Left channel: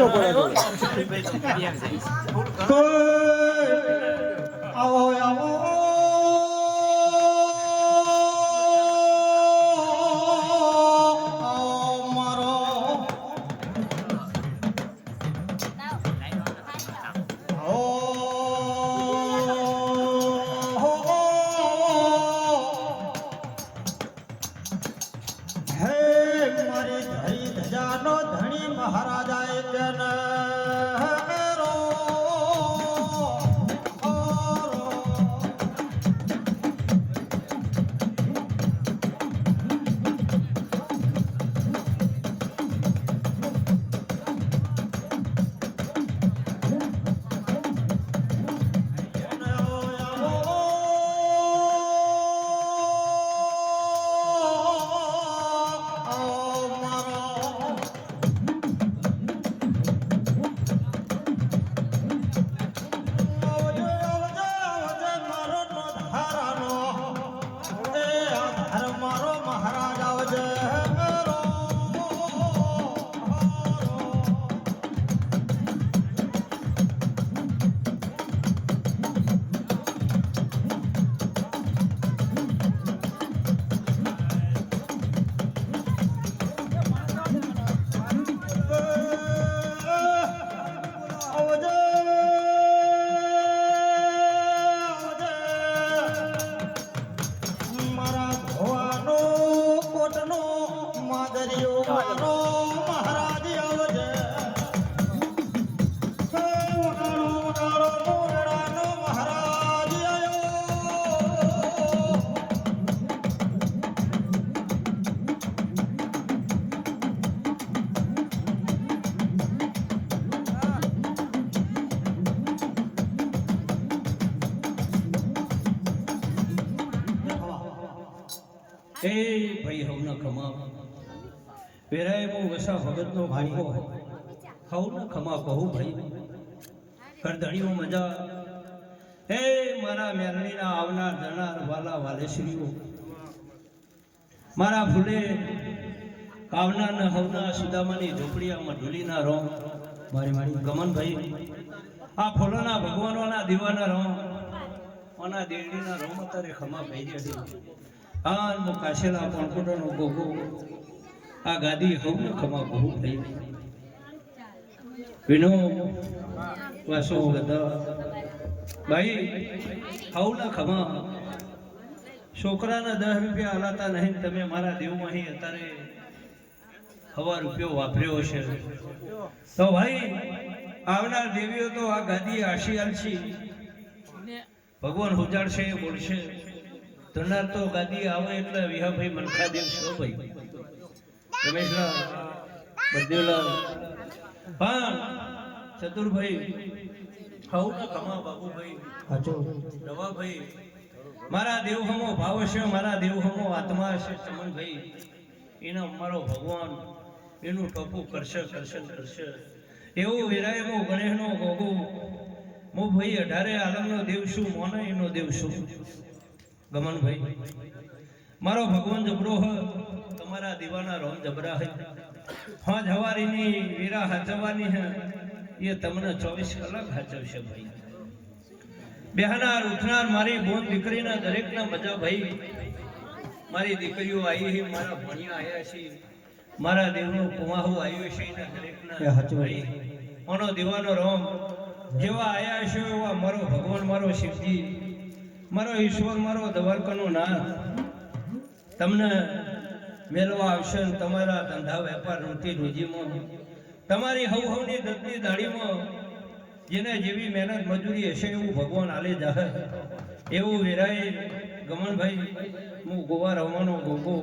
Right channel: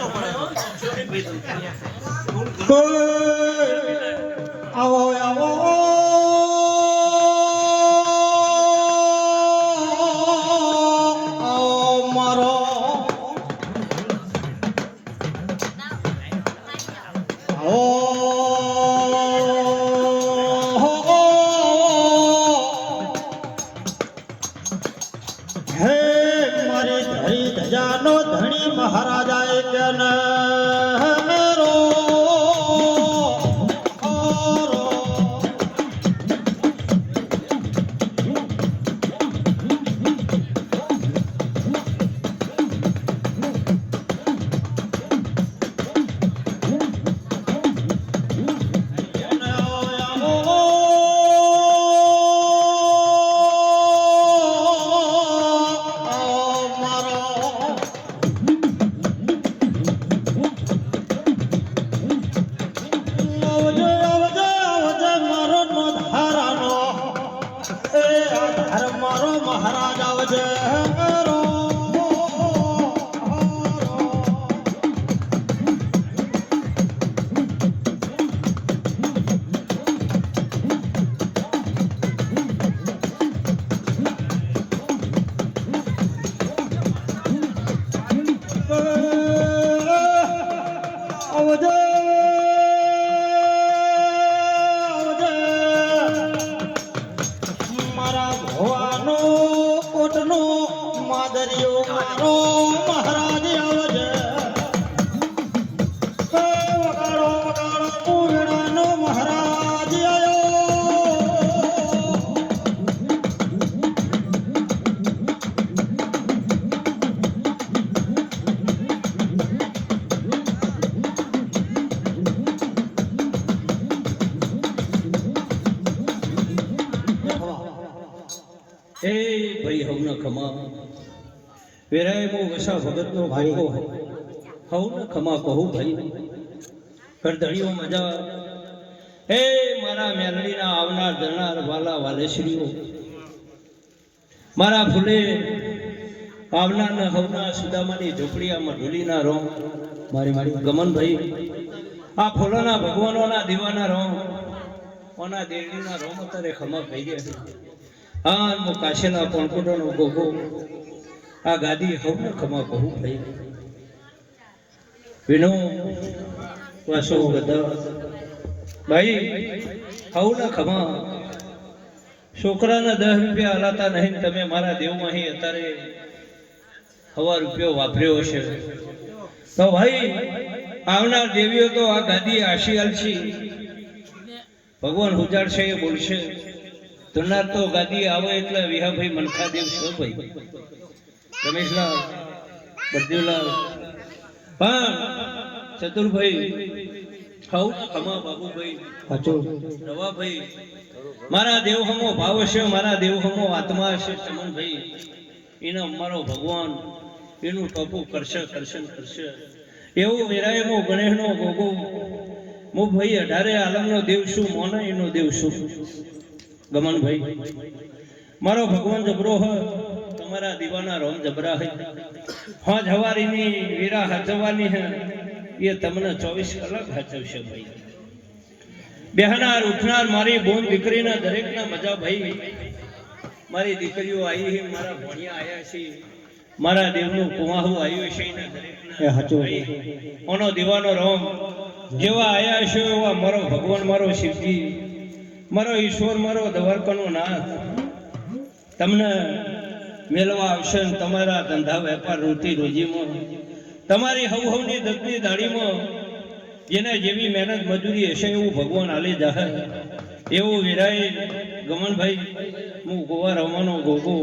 તો પડે આવો આવો મારો મહારાજા કે મેરો એ ભાઈ હવના ખમા વેરાય મો વસા ભગતનો ભાઈ હવના ખમા કહું ભાઈ કરદળીઓ મજા એ મારા મેરડીના આવનાર જનાર વાલા વાલેશ્રીઓ મારા ફૂલે આવનાર ને હવના સુદામાની ઝોપડીયામાં ઢોલીના રોમ મારી ગમન ભાઈ આ ફૂલોના ભગવાનોના દીવાના રોમ ઓના દેડીના રોમ અત્યારે ખમા ખાઈ ગયા છે હા મો કાશેલા પોણકોટોનો ગોગો આ ગાદી હવને ખમા કહું ભાઈ વિનો વાસો વૃદ્ધા ભાઈ હવને ખમા છોકરાના 10 રૂપિયા હલાતા નહીં તમે મારા દેવમાં અહીં અત્યારે હવા રૂપિયો વાપર્યો છે તો ભાઈ આવનાર દેવીઓ તો આ ગાદી આશીયાલ છે ભગવાન ઉજાડશે એ બોલશે તરનાર તો ગાદી આવે એટલે વિહાભાઈ મનખાદેવ છો ભાઈ રમેશલાલ બળદેવલાલ પણ ચતુરભાઈ ખાઉના ખમા બાબુભાઈ રવાભાઈ મારા દેવ હમો ભાવ છે મારા દેવ હમો આત્મા છે ચમનભાઈ એનો અમારો ભગવાન એનું ટપું કરશે એવું વેરાયમો ગણેશનો ગોગો મો ભાઈ 18 આલમનો દેવ શું મોને એનો દેવ શું ગમનભાઈ મારો ભગવાન જબરો હ તમારા દીવાના રોમ જબરા હે હા જવારીની વીરા હજવાની હે એ તમને 24 કલાક હચવશે ભાઈ બેહનાર ઉઠનાર મારી બોન દીકરીના દરેકના મજા ભાઈ મારી દીકરીઓ આવી છે મારા ભણિયા આયા છે મારા દેવનું કુવાહુ આવ્યું છે એના દરેકના ભાઈ ઓનો દીવાનો રોમ જેવા આયા છે એવા મારો ભગવાન મારો શિવજી મારો ઈશ્વર મારો દ્વારકાનો નાથ તમને મેળવા આવશે તમારા ધંધા વેપાર રોટી રોજીમાં તમારી હવની દત્તની દાડીમાં જેને જેવી મહેનત મજૂરી હશે એવું ભગવાન આલી જાહે એવું વિરાય ગમનભાઈ હું ગોવા રમવાનો ગોગો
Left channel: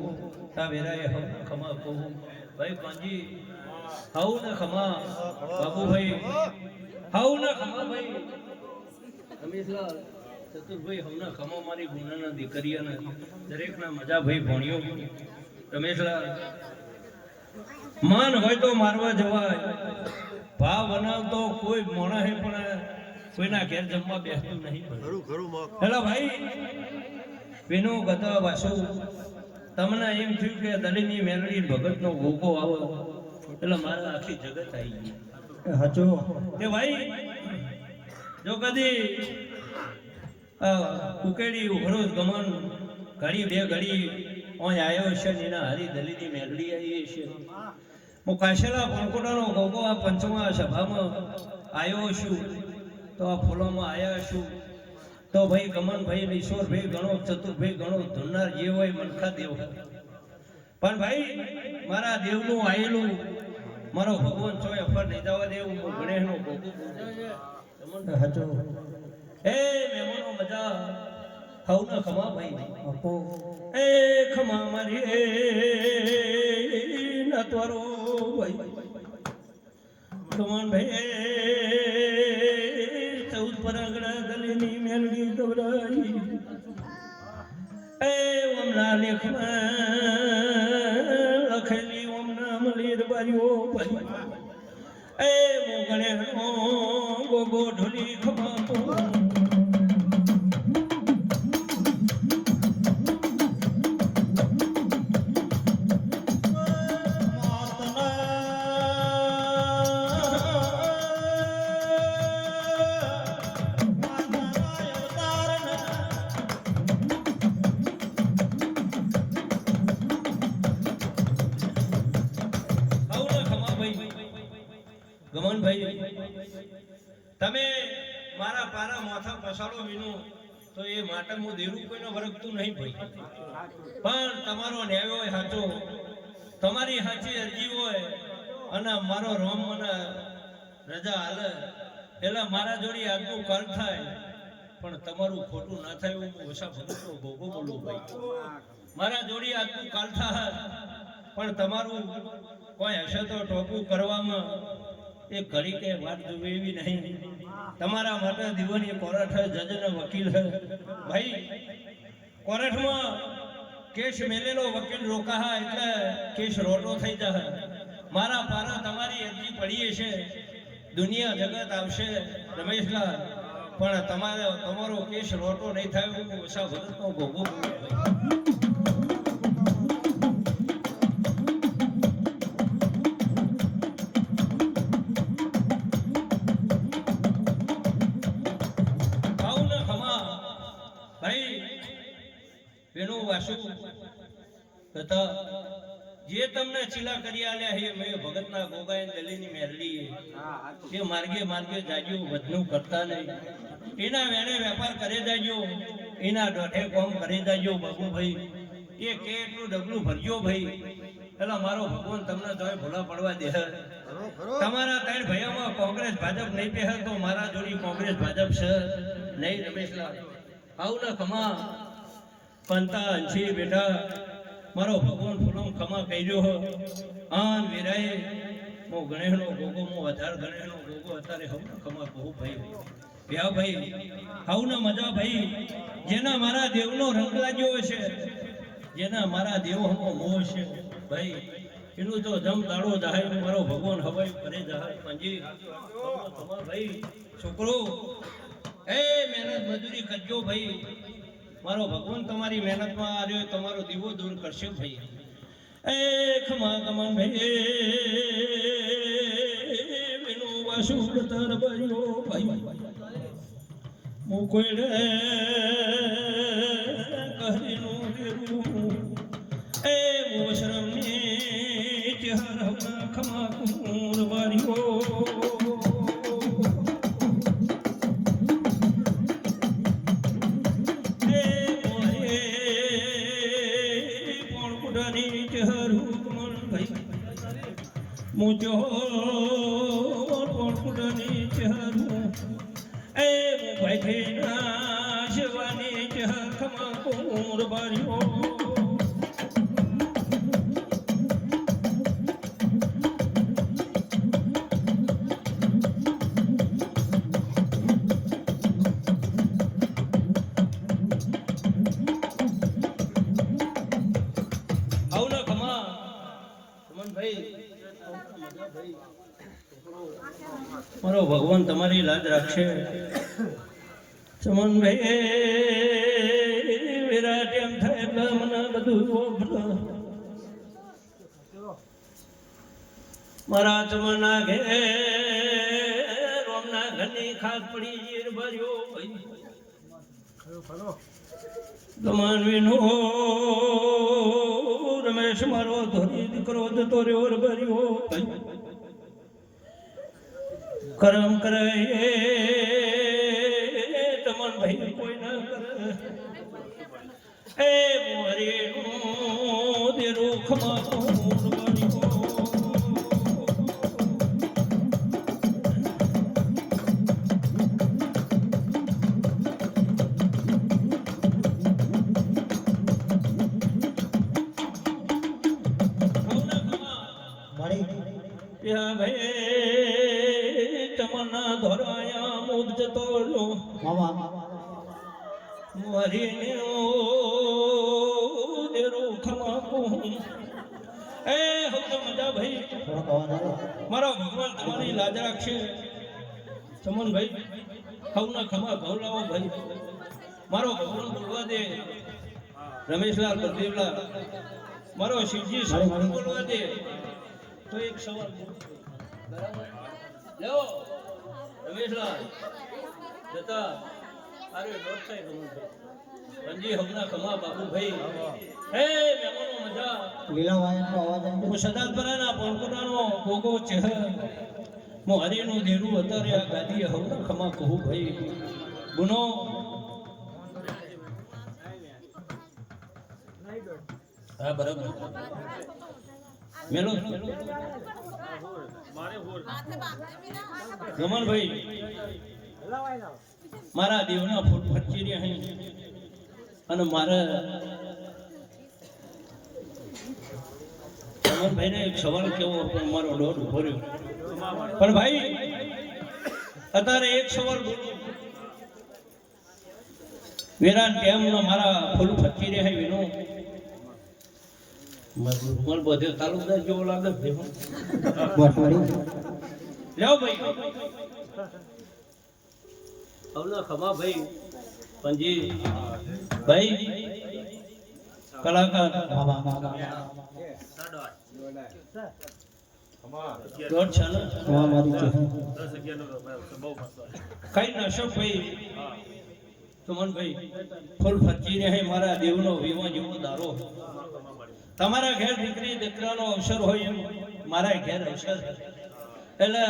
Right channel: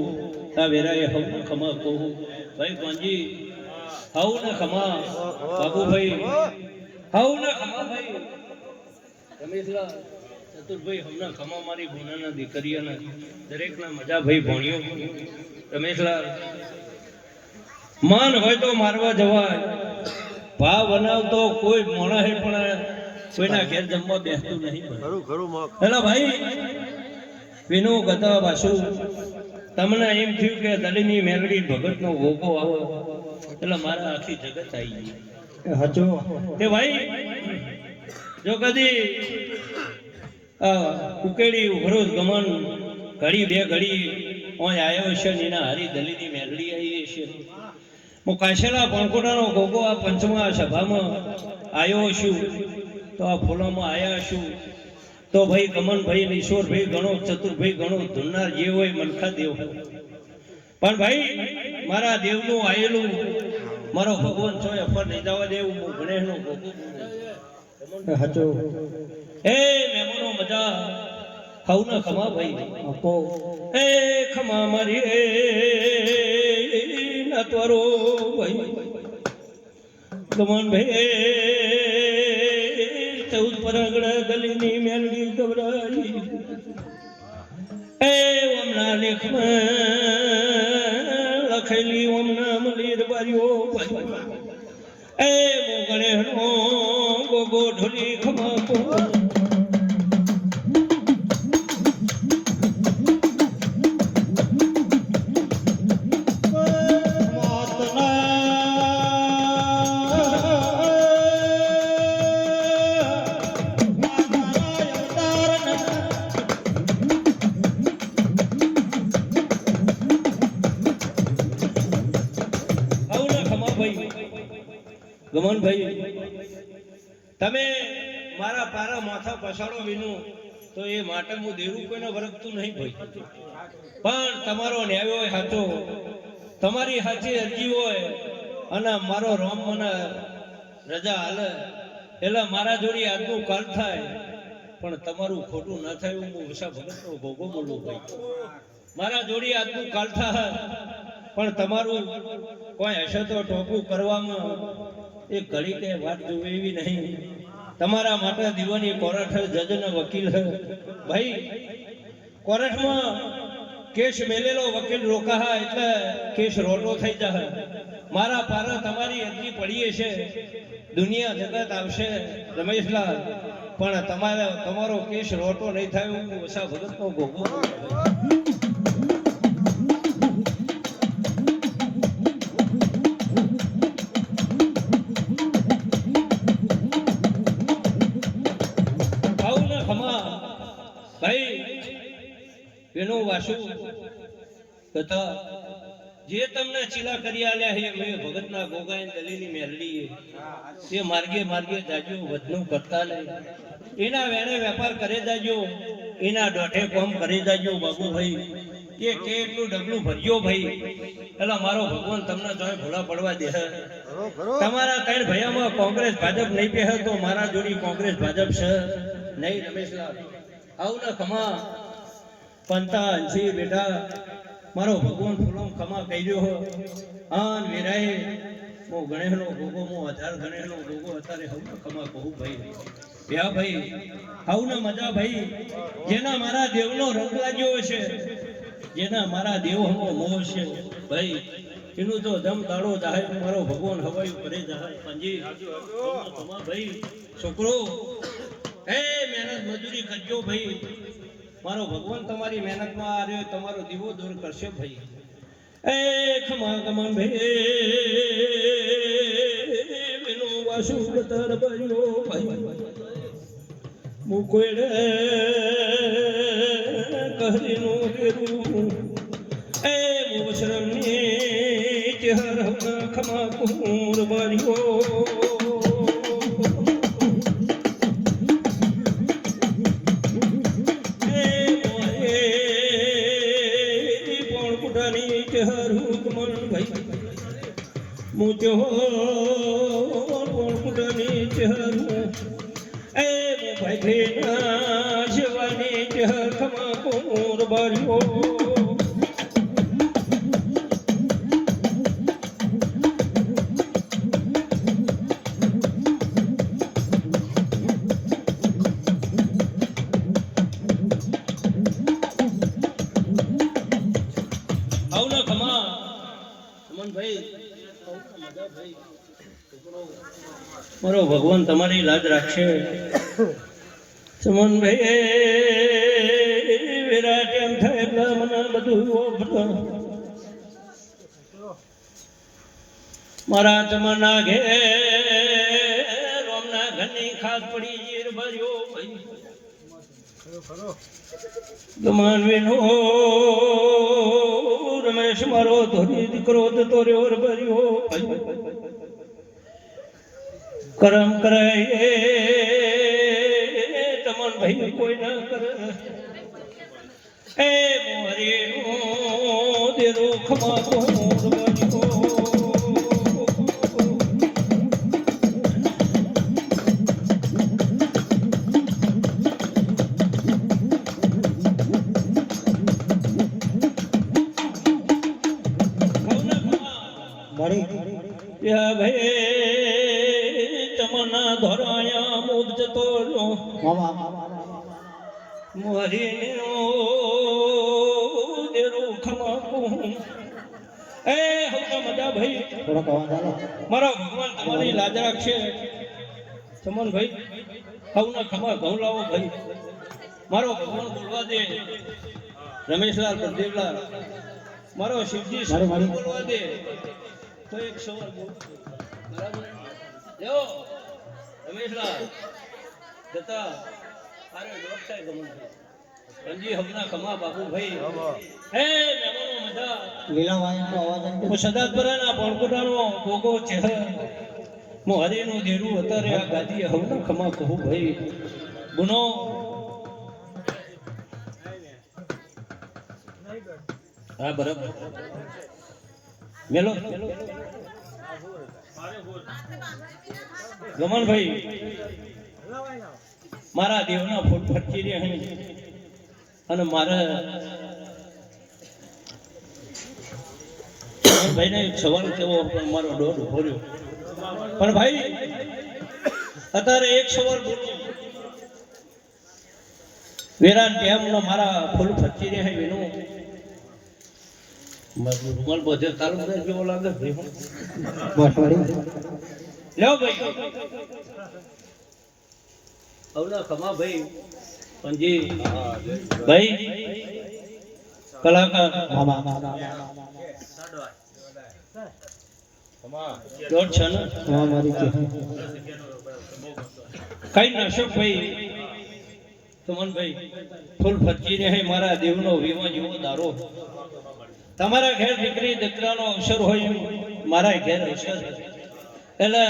આ વિરાય હવ ખમા કહું ભાઈ પાંજી હવ ને ખમા બાબુભાઈ હવ ને ખમા ભાઈ રમેશલાલ ચતુરભાઈ હમણાં ખમા મારી ગુનાના દીકરીઓના દરેકના મજા ભાઈ ભણ્યો રમેશલાલ મન હોય તો મારવા જવાય ભાવ બનાવતો કોઈ મોણા હે પણ કોઈના ઘેર જમવા બેસતું નહીં હેલો ભાઈ વિનો ગતા વાસુ તમને એમ થયું કે દલીની મેરડી ભગતનો ગોગો આવે એટલે મારા આખી જગત આવી ગઈ હાચો તે ભાઈ જો કદી ઉકેડી ઉભરોજ ગમન ઘડી બે ઘડી ઓય આવ્યો છે ને એના હરી દલીની મેલડી આવી છે હું કાશેલા પણકોટાનો ગોગો આ પંચમા સભામાં આવ્યો છું તો આ ફોલોમાં આવ્યા છું તો ભાઈ ગમનભાઈ ઈશ્વરભાઈ ગણો ચતુરભાઈ ગણો ધુન્નાર જે હોય મનખા દેવ પણ ભાઈ મારા દેવનું આયેલું મારો ભગવાન ચોય અફર નહીં જવા દેવું હું ગણેશનો હાચો હે મેમનો મજા ખાવ ના ખમા ભાઈ આપો એ ખમા મારી ના તોરો ભાઈ ગમન ભાઈ 14 પરગડા ગલીની મેલડી ગવરાઈ એ ઓમના લેખમાં લખેલી ઓમના મલીર બારીઓ એ હું ગણેશનો ગોગો ઢોલી ખમા કો ગમનભાઈ તમે મારા પારા માથા પછાડો વિનું તો એ માટે હું દેરું કોઈનો વરગતું નહીં ભાઈ પણ તમારો ન્યાય હોય સાચો તમારી સાચી અરજી હોય અને મારો રોમ મને રજા હાલે એટલે મારા જોડી આજનું કાલ થાય પણ તમારું ખોટું ના થાય હું વસા ભગતનો ભોગો બોલું ભાઈ મારા જોડી આજનું કાલ થાય પણ તમારું કોઈ હશે તો ટોપું કરવામાં એક ઘડી કે વાત જોવે એવી નહીં તમારા માટે દીવાની કોર્ટ જજનો વકીલ ભાઈ કોર્ટમાં કેસ મેલેલો વકીલ રોકા એટલે કેસ રોટો થઈ જાય મારા પારો તમારી અરજી પડીએ છે દુનિયા જગત આવશે રમેશલાલ પણ તમારો કેસ રોટો નહીં થાય હું વસા ભગતનો ભોગો એનો વાસુ કથા જે તમને ચીલા કરી આલ્યા હે મે ભગતના ગોગાઈ દલીની મેલડી એ માર્ગે માર્ગે જાજો વધનું કરતા નહીં એના વેણે વેપાર કરે જાજો એના દોઢે કોમ કરી જાજો બાબુભાઈ એ કેટલું ડબલું ભર્યો ભાઈ એટલે મારો ભગવાન તમને જોઈ ભૂલા પડવા દે તમારા ત્રણ ભૈયામાં કોંગ્રેસ ભાજપ નહીં પહે તો મારા જોડી કોંગ્રેસ ભાજપ છે નહીં રમેશલાલ આવું ને ખમા પંતા અંશી બેટા મારો ભગવાન ફૂલોમ ખમા કર્યો આન વેરાય મો ગણેશનો ભોગો મો આધાર ગણેશનો ભોગો અત્યારે હવનો ખમા કહું ભાઈ ભ્યા ભાઈ હવનો મજા ભાઈ જેના મારા દેવનો રંગ લાગ્યો છે જેના મારા દેવનો મોહ છે ભાઈ એનું તો જમ દાડો જાય મારો ભગવાન હવાઈ કરે જાય પંજી ખમા ભાઈ છોકરો એ મહેનત મજૂરી કરજો ભાઈ મારો ભગવાન તમારી મહેનતમાં આ રહ્યો તમારો દીવો દૂર કરશે ભાઈ એ ખમા ગમન ભેનો વાસુ બતર બર્યો ભાઈ મુકોડે કહરીનો દેરું એ મુશરમને ચહેર ખમા કુર બાર્યો मुझो पुरानी चहरू ए भाई ना शिवानी चहर खमा कुर बारियो મારો ભગવાન તમારી લાજ રાખશે સમન ભાઈ વિરાટ એમ થાય એટલે મને બધું મારા તમારા ઘેર યાદ પડી ઈર ભર્યો ભાઈ ગમાનવીનો રમેશ મારો ધોરી દીકરો તો રહ્યો ભર્યો ભાઈ કરમ કરાય તમન ભાઈ કોઈ ના કરે એ મારી દેરો ખમા મારા ભગવાન તમારી લાજ રાખશે ચમન ભાઈ હવના ખમા ઘઉલાવો ભાઈ મારો ભગવાન બોલવા દે રમેશલાલ પ્રદીપલાલ મારો શિવજી બોલવા દે તો એક સવાલ બરાબર લો રમેશલાલ જતા અરે દોસ્ત થાય ગમનભાઈ પંજી હવના ખમા બાબુભાઈ હે મેમોનો મજા સદાતપરાના પોણકોટાનો ગોગો ચહેર મોહરીનું દેરું અત્યારે આ ગાદી હવના ખમા કહું ભાઈ ગુનો હા બરાબર મેલો ગમનભાઈ મારા દેવના ફૂટ ફરકી રે અહીં અને મારા ભાઈને એક સવાલ કેવો પણ મારો દોઢ ઉભો રહ્યો પણ ભાઈ અત્યારે એક સવાલ વેરાન કેમનો મારા ફૂલ ફરકી રે અહીં વેનું માર બધે તાલુકા જેવો લાગે ભાઈ લ્યો ભાઈ આવના ખમા ભાઈ પંજી ભાઈ કલાકાર દોઢ છે ને કઈ નશો ભાઈ સુમન ભાઈ ફૂલ ફરજી રહે મારા દેવનો વીમો જેવો દારો તમારા ઘેર દીકરી દીકરાનો અવસર હોય મારા ઘેર અવસર એટલે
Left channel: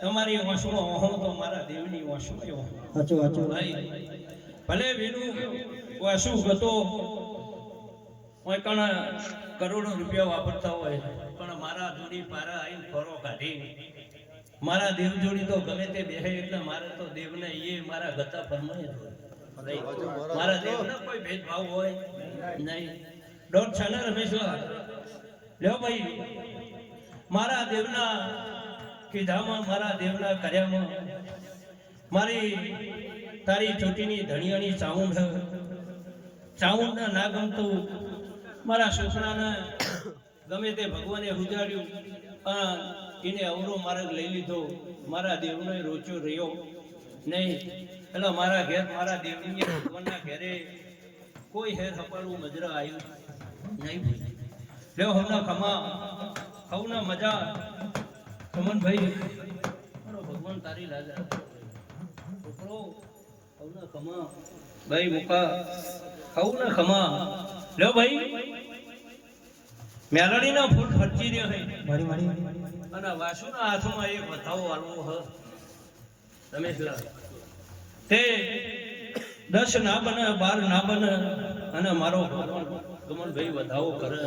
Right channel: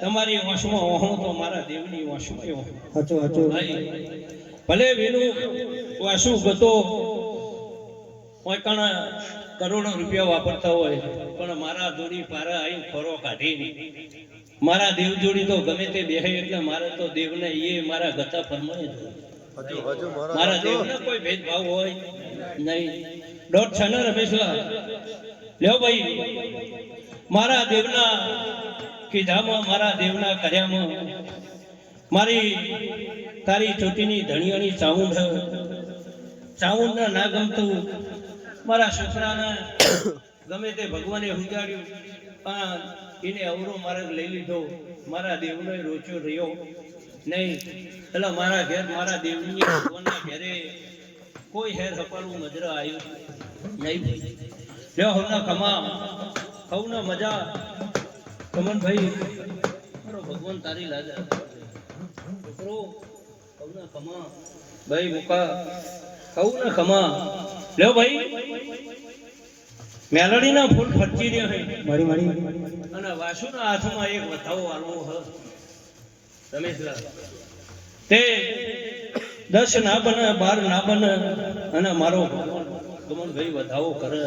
તમારી વાંસમાં વહો તો મારા દેવની વાંસમાં ભાઈ ભલે વેનું વાસુ ગતો કોઈ કણ કરોડો રૂપિયા વાપરતા હોય પણ મારા જોડી પારા આવી ફરો કાઢી મારા દેવ જોડી તો ગમે તે બેહે એટલે મારે તો દેવને એ મારા ગતા પરમાણે મારા દેવને કોઈ ભેદભાવ હોય નહીં દોઢ છે ને રમેશલાલ લ્યો ભાઈ મારા દેવના કીધામાં મારા દેવના કર્યામાં મારી તારી ચોટીની ધણીઓની ચાઉંડ ના ગમતું મારા છોકરાને ગમે તે ભગવાને ઉજાડ્યું એને અવરો માર્ગ લઈ લીધો મારા દેવનો રોચો રહ્યો નહીં એટલે મારા ઘેર મારા દેવની ભગવાનના ઘેરે કોઈ હેર હપાળું મજરા આવ્યું નહીં ભાઈ લ્યો હવના ખમા હવના મજા કમન ભાઈ મારો ભગવાન તારી લાજા હવના ખમા ભાઈ મુકા હવના ખમા લ્યો ભાઈ મેલડીના ફૂલ ફરજી રહ્યો હે મારી અને વાસુના હાથમાં એક વથાવો આલવો હ રમેશલા તે 10 ના બને 12 ના બને અને મારો ભગવાન ગમનભાઈ વધાવો કરે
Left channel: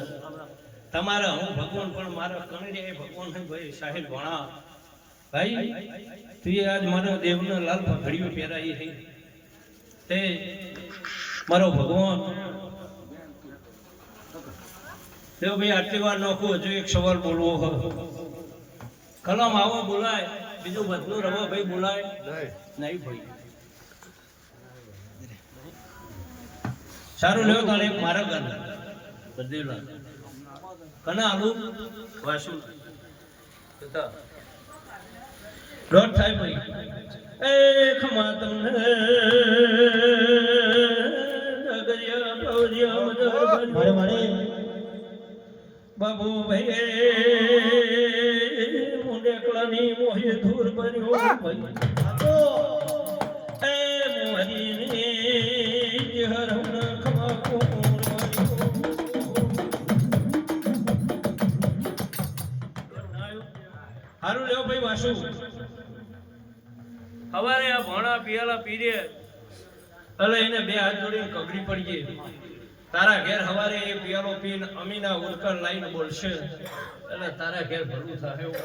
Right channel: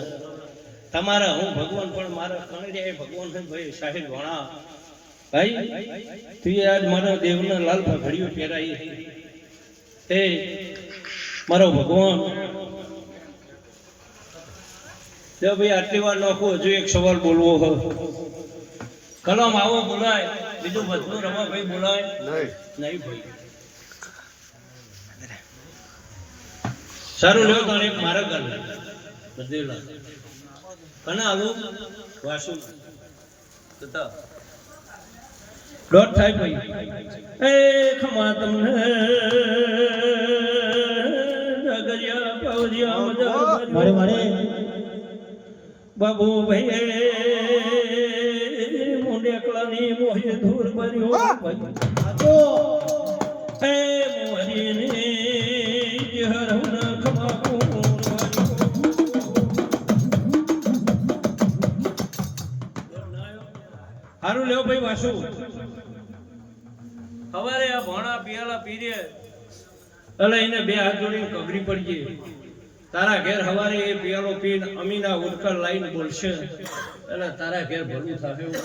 તમારા હું ભગવાન પણ મારા કણડે ભગવાન ભાઈ સાહેબ વણા ભાઈ તું આજ મારા દેવના લાલ પગડીઓ પહેરાઈ તે મારો ભગવાન જો ભાઈ આટલી વાર લખો હજુ એક સવાલ બોલવો હ કલમ આવો બોલાય બીજું બધું રવા ભાઈ બોલાય નહીં ભાઈ સારું લો તારે મારા કર બધેલા કના આલુ વાસુ તતા દોઢ થાય ભાઈ એ ખમા તમને જગરિયા પાવરિયા મજા મારે બાબુ ભાઈ મુંડેકલાની મોહે ધૂર ભર્યો પાછું હવારે આ ભોણા પિયાલા પીરે એટલે એને બે હાથ જોડીને કગરી પડી ગઈ. તારા ઘેર હવારે એ પિયાલો પીને અમીના ઉલકર લાઈને બોલશે એટલે તારા ઘેર ભલું થાય એવું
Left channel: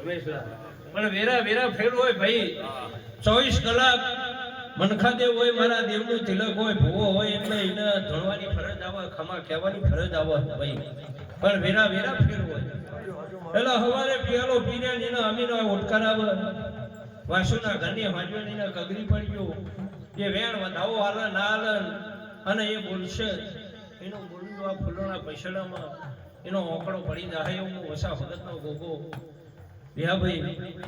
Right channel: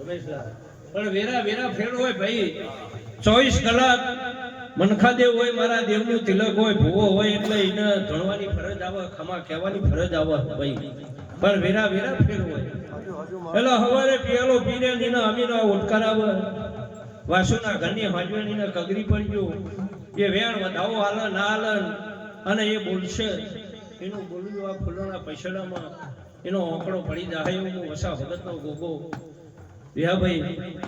રમેશલાલ. પણ વેરા વેરા ફેર હોય ભાઈ, 24 કલાક મનખાદેવ હોય, મારા દેવનું તિલક હોય, ભૂવો હોય એટલે એને ધણવાની ફરજ આવે, ખમા કહેવાની ફરજ આવે ભાઈ. પણ વેરા વેરા ફેર હોય એટલે હવારે પિયાલો પીને એના અમીના ઉલકર આવે, વાસુના ઘરની હાજવેણીને કગરી પડી ગયો. એ વેણ વધાવો હાલે ના હાલે અને એ બોલશે એનું બોલ્યું આ ફૂલોના પૈસામાં એનો આંકડો પડી જાય એવું હું વસા ભગતનો ગોગો ભાઈ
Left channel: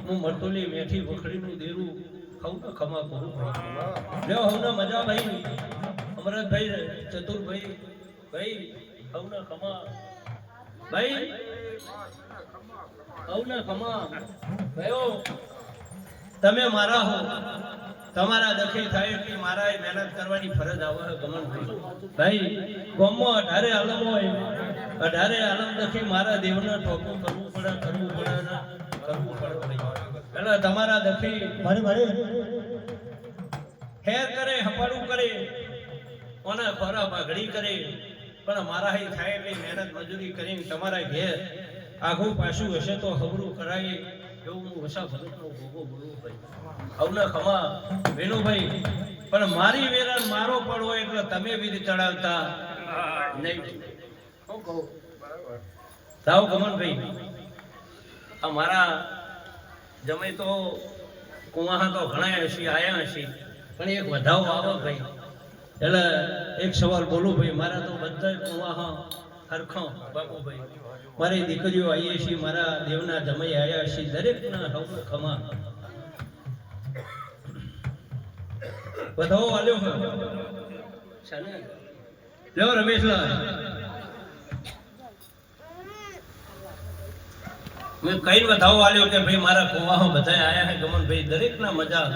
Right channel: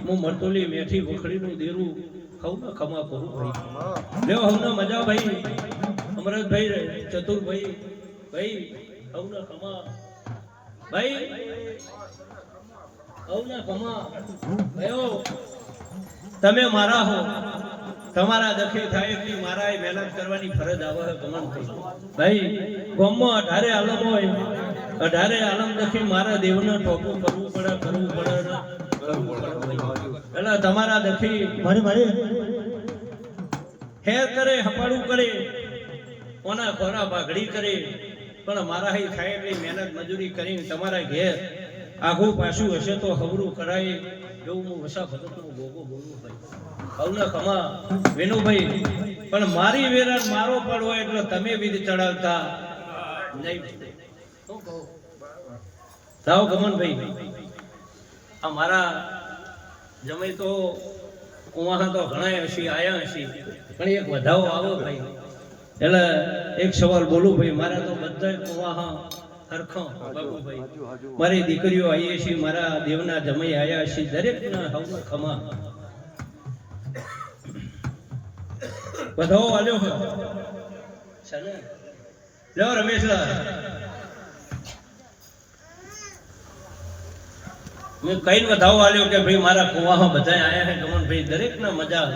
હું મરતોલી મેઠી વખડીનું દેરું ખાઉં ને ખમા કહું લ્યો હું ના મજા ભાઈ. અમરતભાઈ ચતુરભાઈ ભાઈ ખાઉં ને ખમા ભાઈ ખાઉં ને ખમા ભાઈઓ તમે મારા હો, તમારા દખી થાય એટલી મારા મહેનત કરવાની ફરજ આવે કમન ભાઈ. ગોમમાં 18 આલમ હોય, 18 આલમ દખી મારા દેવને ટોપું કરવું પડે એટલે તમારા દખી મારી હેર કરે, હપાડું કરે, કોના ખોરા ભાગડી કરે, પણ મારા હી થાય એટલી મહેનત મજૂરી કરીને તમારા ઘેર આગું પાછું હશે તો હવરું કરાય એવું હું વસા ભગતનો ગોગો બોલું ભાઈ. આવના ખમા વેનુભાઈ, પણ મારી વેરા મારો પડ હોય એટલે તમે વિધ ચડાવતા નહીં. શું કહું થાવ ગમનભાઈ, આ મારા જમે તો કુવા તો ઘણા હશી આયા હશી, પણ એક વધાવો આવે ભાઈ એટલે એક સવાલ બોલું ભાઈ. મારા તો બધા કુવા હરખો બાપુભાઈ, મારી દીકરીઓ આવીએ છીએ, મારા દેવના જમાઈ આયા છે, દરેકના હવના ખમા વધાવો આલ્યો છે. લ્યો રમેશલાલ, મેં કઈ વધાવો આલ્યો કે ભાઈ મારા કુવા બધા આયા છે ગમનભાઈ, દરેકના મજા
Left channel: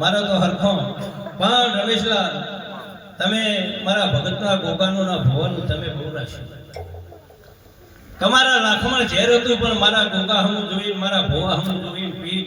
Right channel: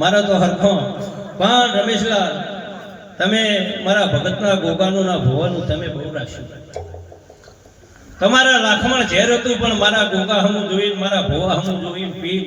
મારા તો હરખો. પણ રમેશલાલ તમે મારા ભગતના ગોગાનું ના ભોવાનું તમે બહુ રાખ્યું. તમારા લાખમાં ઝેર હતું પણ મારા ગોગા હમું જોઈ, મારા ભોવા હમું જોઈ પી